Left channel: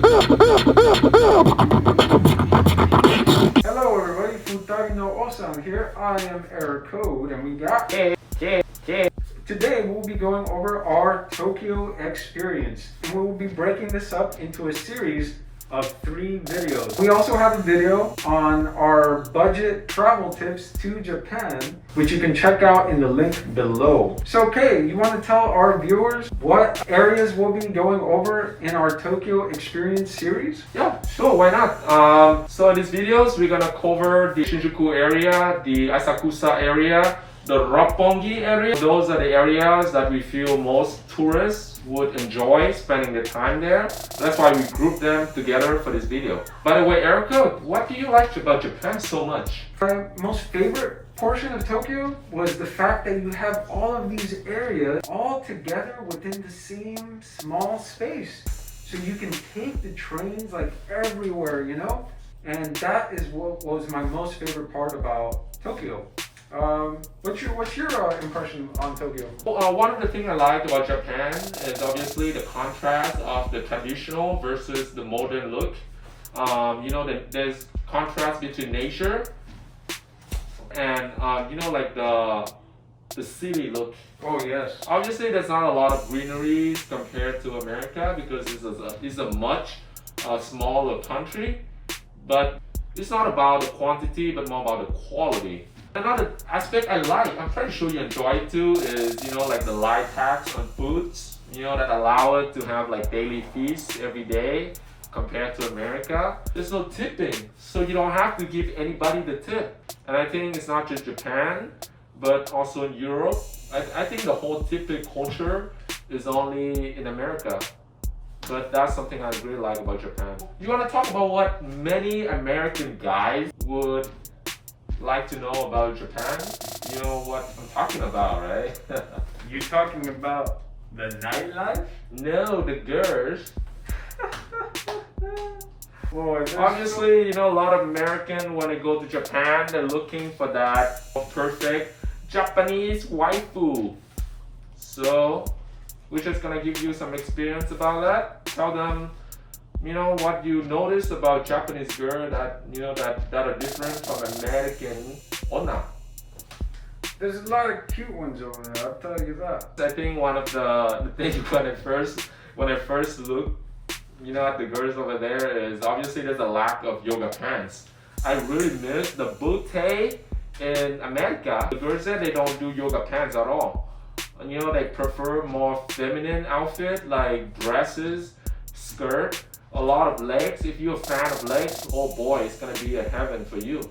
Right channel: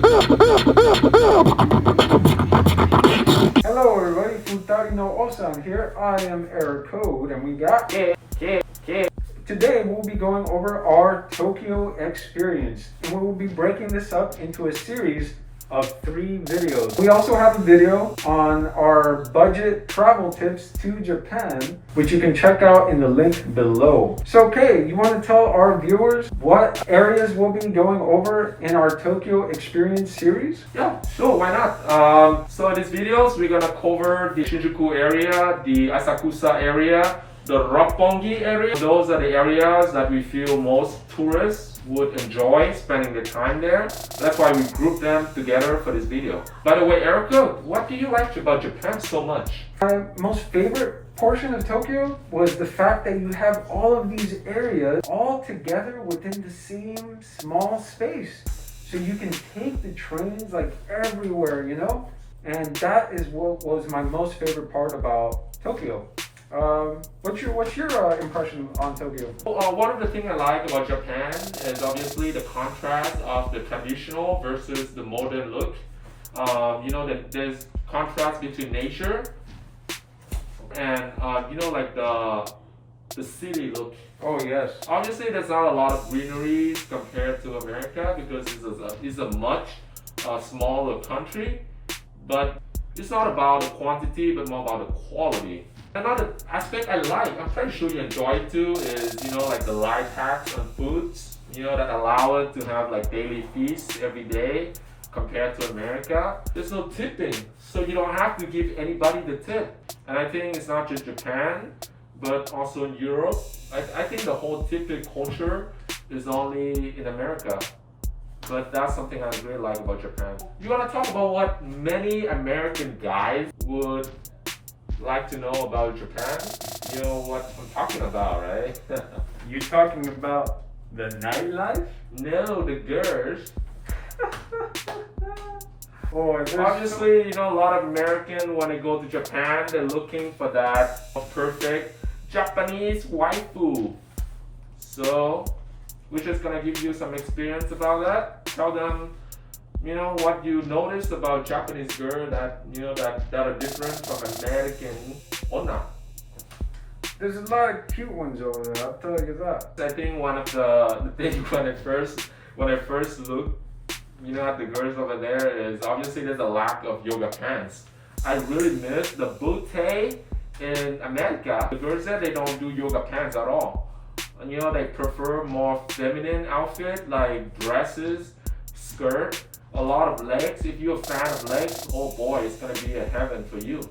Hello everybody, Futari no Ossan here. I am Eric Code and we got Today we'll be going over our Tokyo experience and we will be breaking this up into a series of 3 videos. We also have a video on our budget travel tips to Japan, which you can check out in the link below. So Kay, you want to tell our viewers what areas we'll be going over in our Tokyo experience series? Yeah, sure, why not? So in these videos, we're gonna cover the Shinjuku area, the Asakusa area, the Ropppongi area. Those are the areas that we feel most tourists would enjoy spending their time there. That's why we grouped them together for this video. By the way, Erica, what do you like about Japan so much? My most favorite portion of Tokyo was the fact that you have all of these areas all together within the same small space. So you can take the trains like everywhere, you know? And that is what was my most favorite part about Tokyo. What's your impression on Tokyo? One of the things I like about Japan is obviously the contrast of the traditional versus the modern look. You know, there's contrast between nature and you know, like the city look. Oh yes. Obviously, there's not a lot of greenery compared to America because it's a much smaller country. But it's not about the quantity, but more about the quality. Another aspect I like, I'm pretty sure you enjoy it too, is, you know, like the light tax on foods, you know, that allow it to have like daily feasts every day compared to America. There's no tipping, so you don't have to give anybody the tip. And I think it's not just Japan, but also in Europe. I think the whole tipping culture is only in America. But that's something I really like about Japan. You want to talk about what many American guys would like to know about Japan? You know what I'm talking about, right? You talking about the nightlife? No, the girls. Oh, obviously, you know, a lot of Americans, when they go to Japan, they're looking for that perfect Japanese waifu. So we're just gonna give you some experience about that. Tell them, you know, what you notice about Japanese girl that, you know, that are different from American onna. There's a lot of cute ones over there, I'll tell you that. I think one of the things when I first look, you know, at the girls over there is obviously there's a lack of yoga pants. I really miss the bootay in America. The girls there, they don't do yoga pants at all. And, you know, they prefer more feminine outfit like dresses, skirt, a lot of legs. If you're a fan of legs, oh boy, it's gonna be a heaven for you.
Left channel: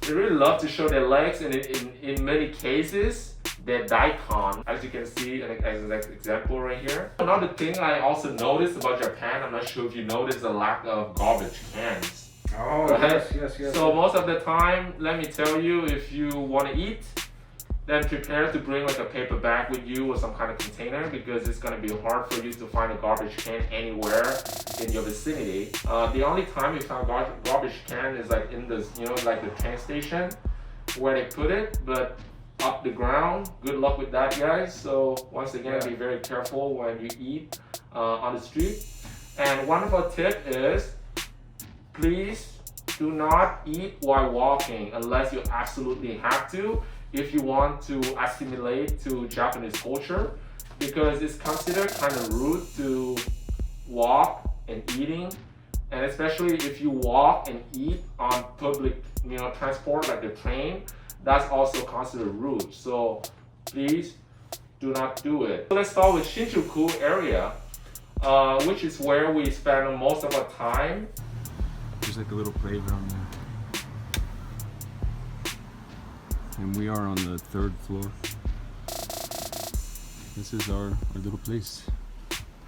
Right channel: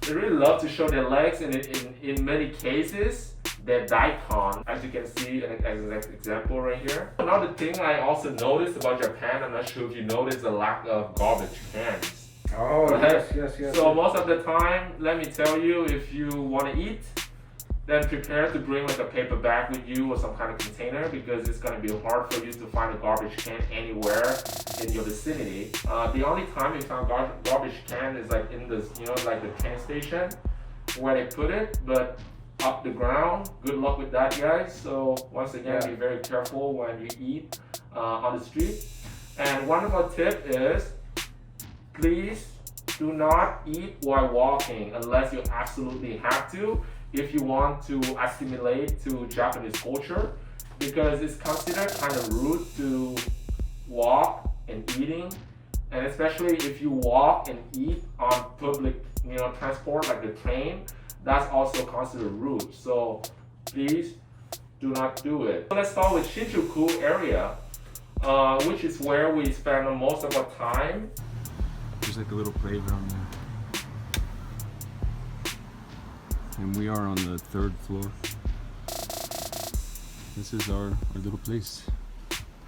They really love to show their legs, and in many cases, they're daikon, as you can see as an example right here. Another thing I also noticed about Japan, I'm not sure if you noticed the lack of garbage cans. Oh, right? Yes. So most of the time, let me tell you, if you want to eat, then prepare to bring like a paper bag with you or some kind of container, because it's going to be hard for you to find a garbage can anywhere in your vicinity. The only time we found garbage can is like in the, you know, like the train station where they put it, but up the ground, good luck with that, guys. So once again, be very careful when you eat on the street. And one of our tip is, please do not eat while walking unless you absolutely have to, if you want to assimilate to Japanese culture, because it's considered kind of rude to walk and eating, and especially if you walk and eat on public, you know, transport like the train, that's also considered rude. So please do not do it. So let's start with Shinjuku area, which is where we spend most of our time. There's like a little playground there. And we are on the 3rd floor. This is our little place.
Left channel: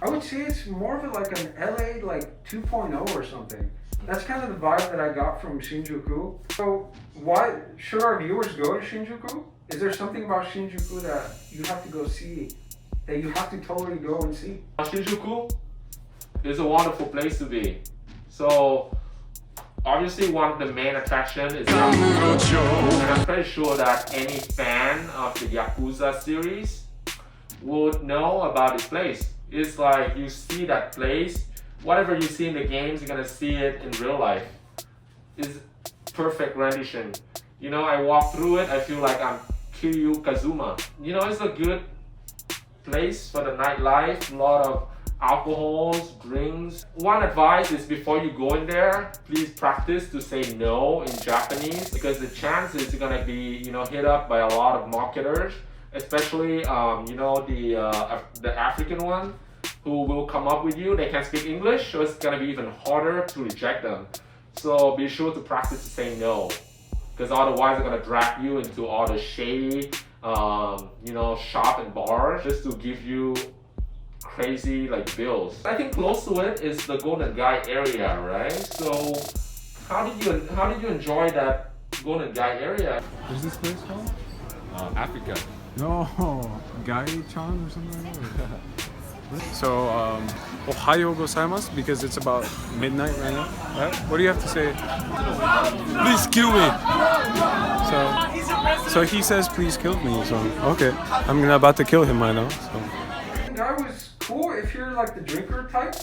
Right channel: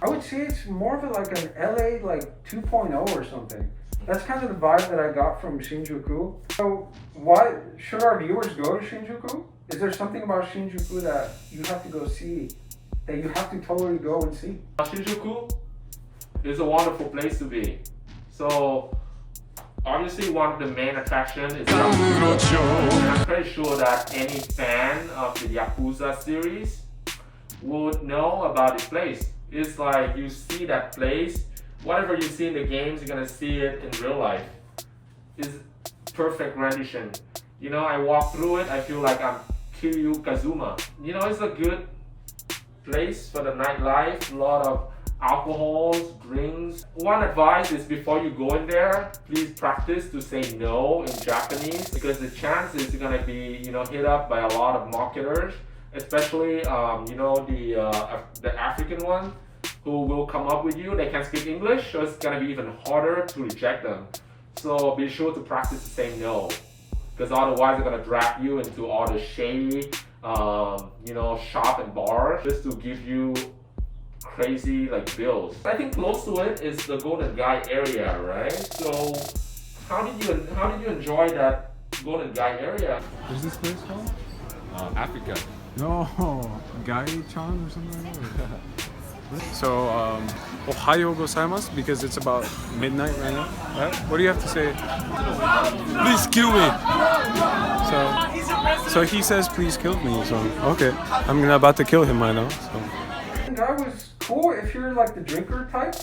I would say it's more of like an LA like 2.0 or something. That's kind of the vibe that I got from Shinjuku. So why should our viewers go to Shinjuku? Is there something about Shinjuku that you have to go see, that you have to totally go and see? Shinjuku is a wonderful place to be. So obviously one of the main attractions is I'm pretty sure that any fan of the Yakuza series would know about this place. It's like you see that place whatever you see in the games, you're gonna see it in real life. It's perfect rendition. You know, I walk through it, I feel like I'm Kiryu Kazuma. You know, it's a good place for the nightlife, a lot of alcohols, drinks. One advice is before you go in there, please practice to say no in Japanese, because the chances you're gonna be, you know, hit up by a lot of marketers, especially you know, the African one, who will come up with you. They can speak English, so it's gonna be even harder to reject them. So be sure to practice to say no, because otherwise they're gonna drag you into all the shady, you know, shop and bars just to give you crazy like bills. I think close to it is the Golden Guy area, right? So how did you enjoy that Golden Guy area? What's this place called? Africa. No, Gai-chan or something like that. So, Ohayo gozaimasu, because it's about midnight right now. Right? What do you have to say? Please kill me! So he says, please kill me. So, okay. I'm about to kill him right now. So. Guy was cool if you're like the drinker type.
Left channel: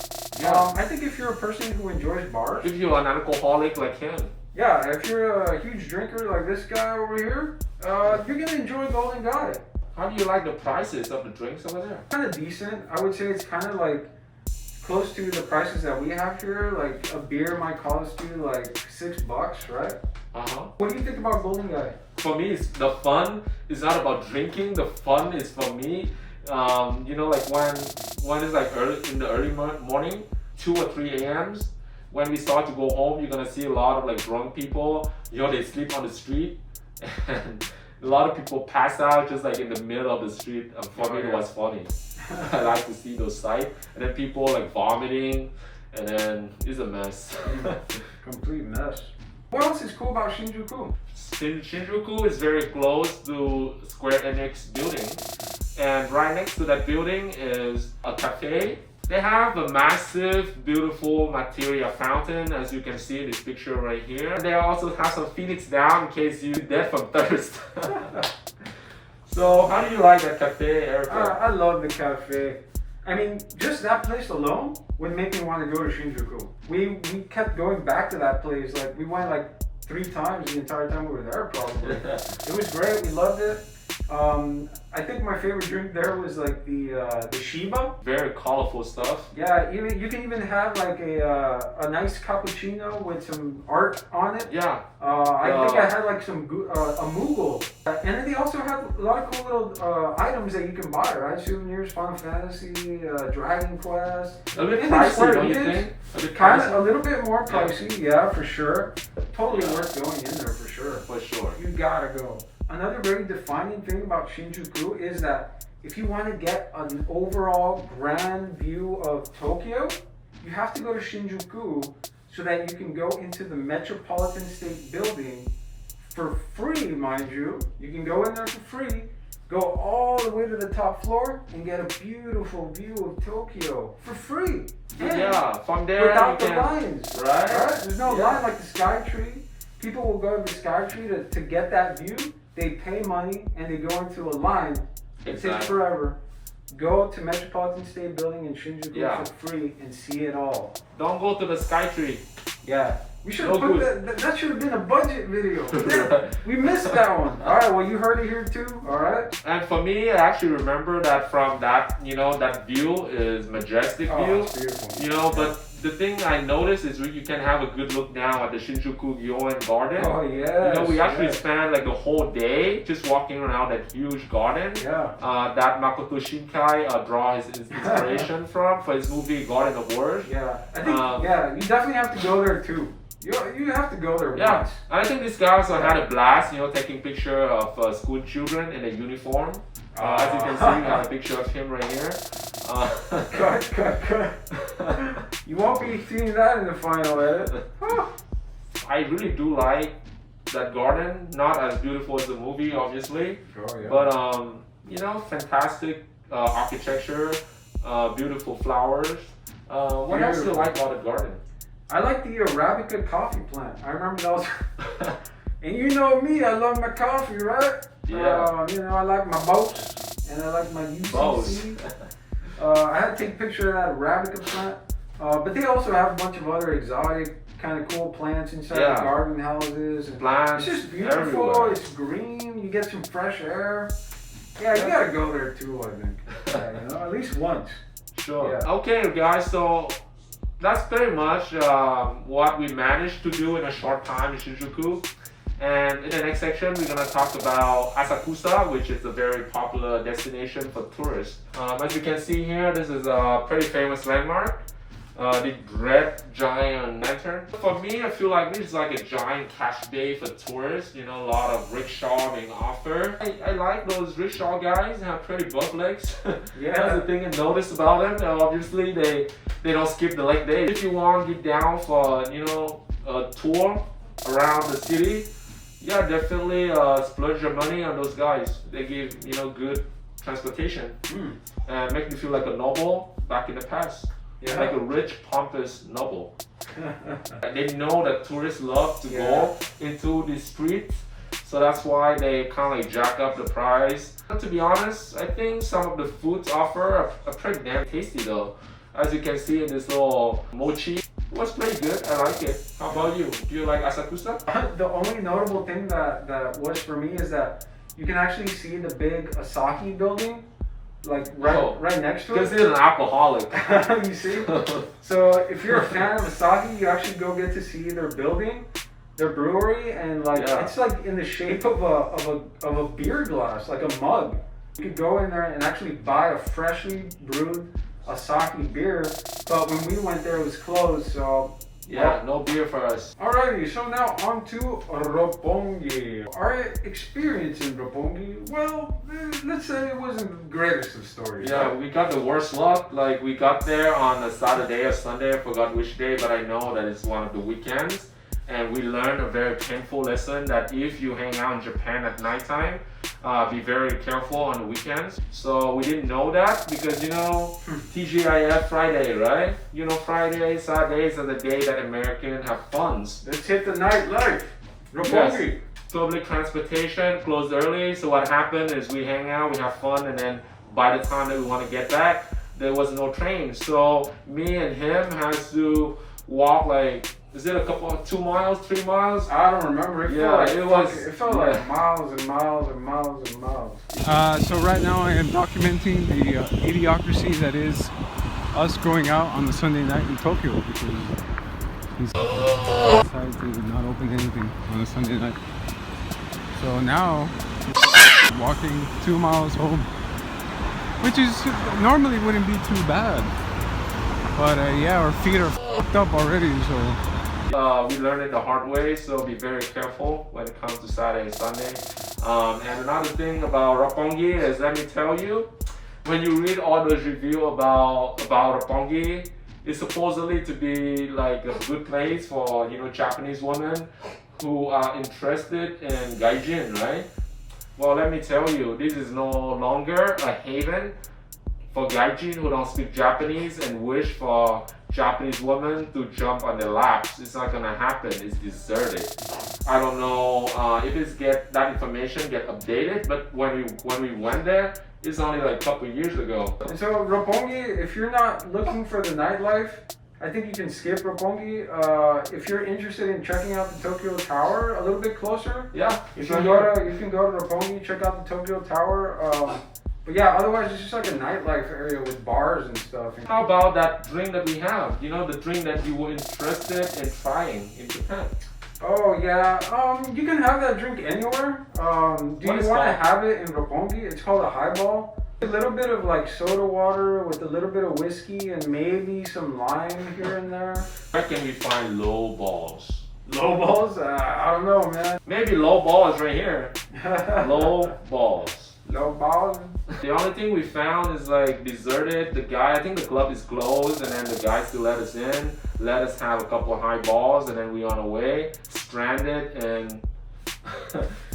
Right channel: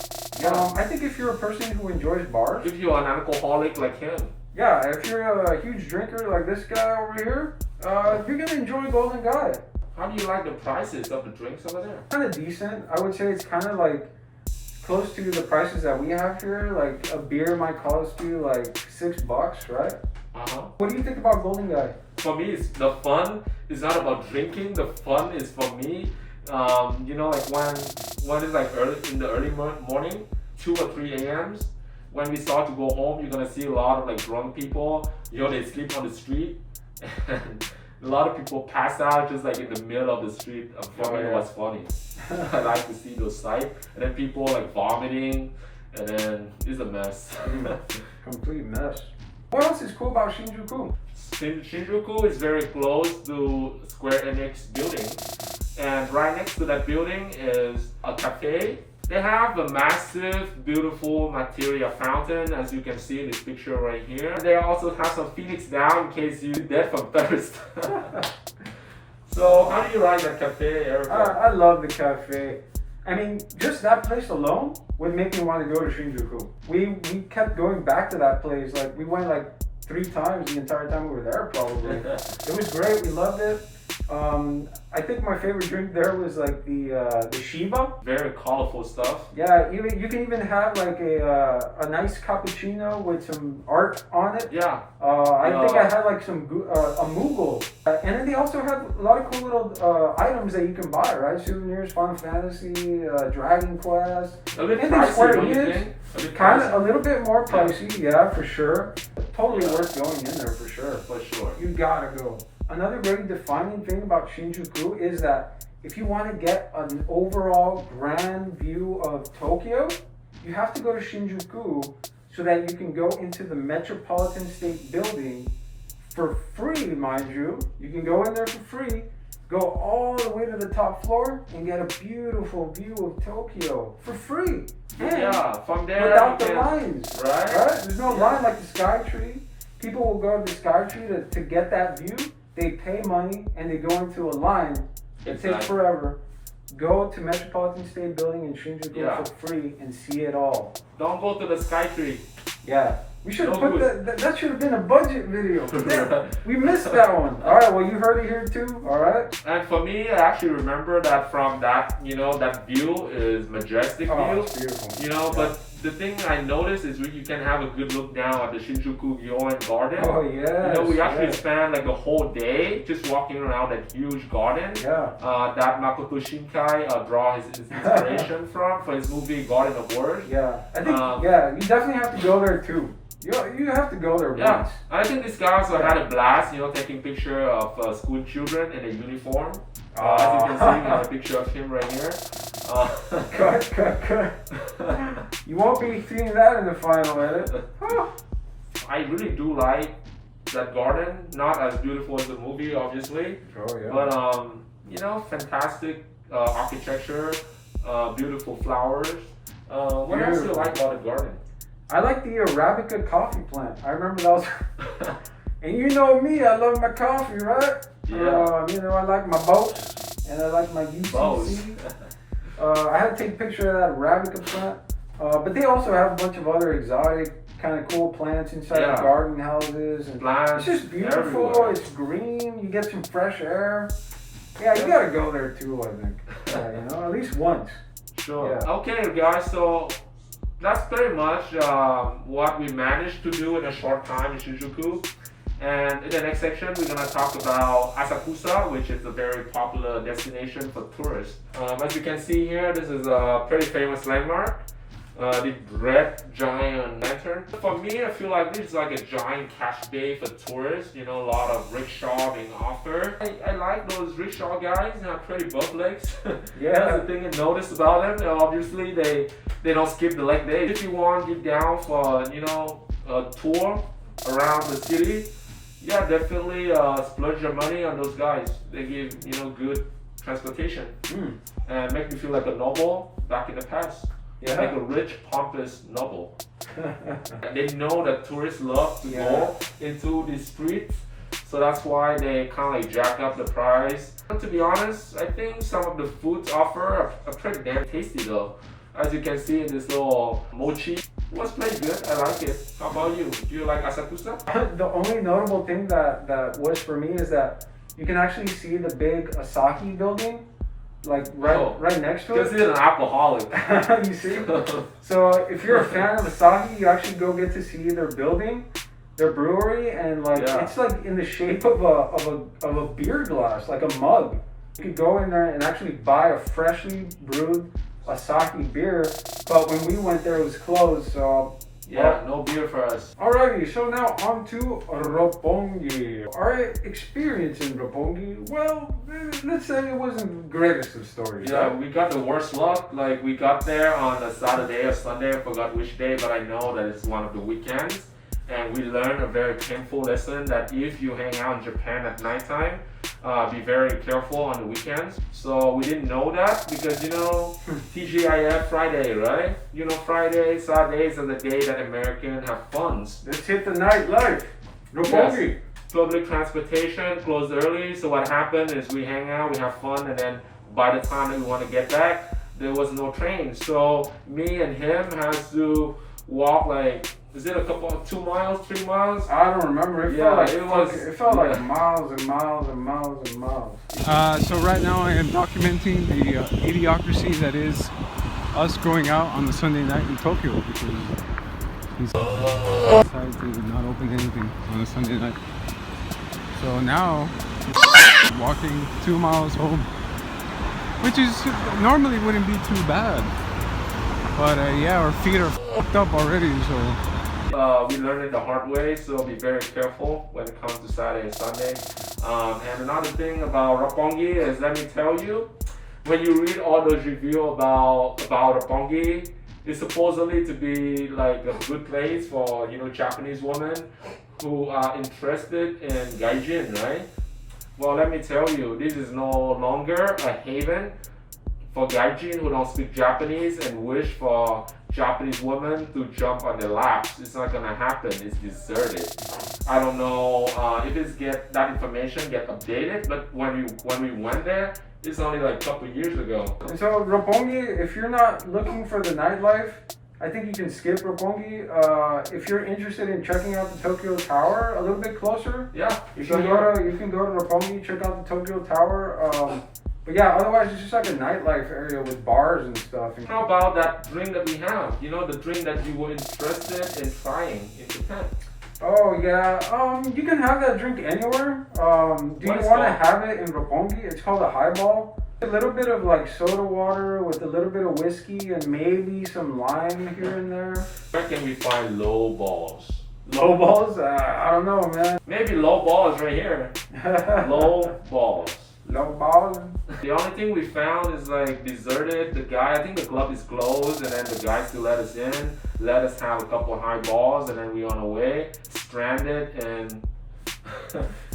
I think if you're a person who enjoys bars. If you're an alcoholic like him. Yeah, if you're a huge drinker like this guy over here, you're gonna enjoy Golden Guy. How do you like the prices of the drinks over there? Kind of decent. I would say it's kind of like close to the prices that we have here. Like a beer might cost you like $6, right? What do you think about Golden Guy? For me, it's the fun is not about drinking. The fun is for me. You know, like when it's like in the early morning, 2 or 3 a.m.s, when we start to go home, you're gonna see a lot of like drunk people. You know, they sleep on the street, and a lot of people pass out just like in the middle of the street. For me, it was funny. I like to see those sights, and then people like vomiting, and then it's a mess. Complete mess. What else is cool about Shinjuku? Shinjuku is very close to Square Enix building. And right next to that building is a cafe. They have a massive, beautiful materia fountain, as you can see in this picture right here. They also have some Phoenix down in case you're dead from thirst. So, how do you like that cafe, Eric? I love the cafe. I mean, just that place alone would make me want to go to Shinjuku. We kept going back to that place. Like, we went like 3 times the entire time we were there, probably. It was great. We loved it. I think my favorite drink there was like the Shiba. Very colorful stuff. Yeah, you can even have like a nice cappuccino with some art on it. Yeah. I think I had like some a Moogle, and then they also have a lot of cool little items that you can buy, right? Souvenirs, Final Fantasy, Dragon Quest. A bit And pricey, don't you think? Kind of a little bit more pricey, yeah, for sure. Totally worth going in there for sure. For sure. You gotta go. Another very defining thing about Shinjuku is that if you want to get an overall grand view of Tokyo, you have to go to Shinjuku so that you can go into the Metropolitan State Building for free, mind you. You can go in there for free, go all the way to the top floor and get a beautiful view of Tokyo for free. And yeah, from there without you the can, lines, right? There's no line like the Skytree. People will go to the Skytree to get that view. They pay money and they go into a line. It takes forever. Go to Metropolitan State Building in Shinjuku for free and see it all. Don't go to the Skytree. Yeah. We should have put that should have been a budget video. We missed that one. Alright, well you heard it here too, alright? And for me, I actually remember that from that, you know, that view is majestic view. It's beautiful. You know, but the thing I noticed is you can have a good look down at the Shinjuku Gyoen Garden. Oh yeah. You know, we actually spent like the whole day just walking around that huge garden. Yeah. That Makoto Shinkai draw his inspiration from for his movie Garden of Words. Yeah. I think you definitely have to go there too. You have to go there once. I think this guy also had a blast, you know, taking picture of school children in a uniform. As you can see, we have a picture of him right here. Cut. You won't be seeing that in the final edit. I really do like that garden. Not as beautiful as the movie, obviously. Oh yeah. But you know, fantastic architecture, beautiful flowers. What else do you like about the garden? I like the Arabica coffee plant. I remember that was... And you know me, I love my coffee, right? Yeah. You know, I like my boats, and I like my UCC. I had to take a picture of that Arabica plant. But they also have a bunch of other exotic, kind of cool plants inside the garden houses. And plants. It's just beautiful. Everywhere. It's green. You get some fresh air. Yeah, you gotta go there too, I think. Yeah, you know, at least once. Sure. Yeah. Okay, guys. So that's pretty much what we managed to do in a short time in Shinjuku. And in the next section, we're gonna talk about Asakusa, which is a very popular destination for tourists. As you can see here, this is a pretty famous landmark. The red giant lantern. For me, I feel like this is like a giant cash bay for tourists. You know, a lot of rickshaw being offered. I like those rickshaw guys. They have pretty butt legs. Yeah. That's the thing I noticed about them. And obviously, they don't skip the leg day. If you want to get down for a tour around the city, yeah, definitely splurge your money on those guys. They give good transportation and make you feel like a noble back in the past. Yeah. Like a rich, pompous noble. They know that tourists love to go into the streets, so that's why they kind of like jack up the price. And to be honest, I think some of the foods offered are pretty damn tasty though. As you can see in this little mochi, it was pretty good. I like it. How about you? Do you like Asakusa? The only notable thing that was for me is that you can actually see the big Asahi building. Like right next to it. Because he's an alcoholic. You see? So if you're a fan of Asahi, you actually go get to see their building, their brewery, and it's like in the shape of a beer glass, like a mug. You could go in there and actually buy a freshly brewed Asahi beer, but when we went there it was closed, so no beer for us. Alrighty, so now on to Ropppongi. Our experience in Ropppongi, well, let's say it wasn't the greatest of stories. Yeah, we got the worst luck. Like, we got there on a Saturday or Sunday, I forgot which day, but I know that it's one of the weekends. And we learned a very painful lesson that if you hang out in Japan at nighttime, be very careful on the weekends. So we didn't know that because, TGIF Friday, right? Friday, Saturdays are the day that Americans have funds. Let's hit the nightlife. Ropppongi. Yes. Public transportation closed early, so what happened is we hang out, we have fun, and then by the time that we want to get back, there was no train. So me and him has to walk is it 2 miles, 3 miles? I don't remember. It felt like miles and miles and miles and miles. So right now I am documenting the idiocracy that is us going out on the Sunday night in Tokyo because he's decided to not open anything on a Sunday night. So now walking 2 miles home, which is normally wouldn't be too bad, but our feet are f***ed up already, so. We learned it the hard way, so be very careful when it comes to Saturday and Sunday. And another thing about Ropppongi is, let me tell you, when you read all those reviews about Ropppongi, it's supposedly to be like a good place for Japanese women who are interested in gaijin, right? Well, let me tell you, this is no longer a haven for gaijin who don't speak Japanese and wish for Japanese women to jump on their laps. It's not gonna happen. It's deserted. I don't know if that information get updated, but when we went there, it's only like a couple years ago. And so Ropppongi, if you're not looking for the nightlife, I think you can skip Ropppongi. If you're interested in checking out the Tokyo Tower a little bit closer, you can go to Ropppongi, check out the Tokyo Tower. But yeah, otherwise it's just like a nightlife area with bars and stuff. How about that drink that we have? The drink that you were interested in trying in Japan. Oh yeah, you can have that drink anywhere. Do you want to have it in Ropppongi? It's called a highball. A little bit of like soda water with a little bit of whiskey and maybe some lime here and there. Where can we find low balls? Low balls? I don't know, man. Maybe low balls right here. Low balls. Low balls? The only thing we found is like deserted. I think the club is closed, and then the guys still let us in, let us have a couple of high balls, and then we on our way, stranded in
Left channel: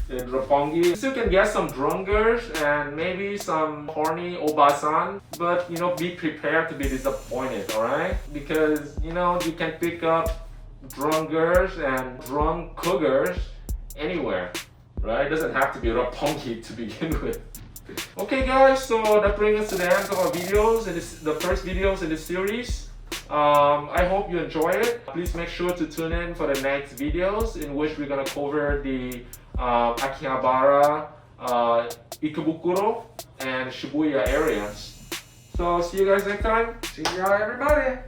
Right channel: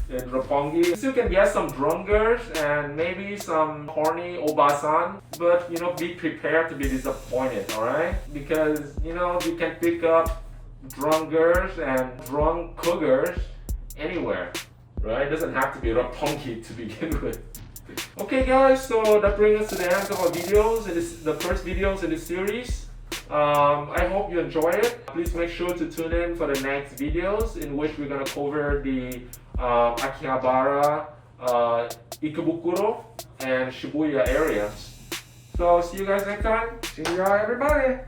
Ropppongi. So you can get some drungers and maybe some horny obasan, but be prepared to be disappointed, alright? Because you can pick up drungers and drunk cougars anywhere. Right? It doesn't have to be Ropppongi to begin with. Okay guys, so that brings us to the end of our videos, and the first videos in this series. I hope you enjoy it. Please make sure to tune in for the next videos in which we're gonna cover the Akihabara, Ikebukuro, and Shibuya areas. So see you guys next time. See ya, everybody.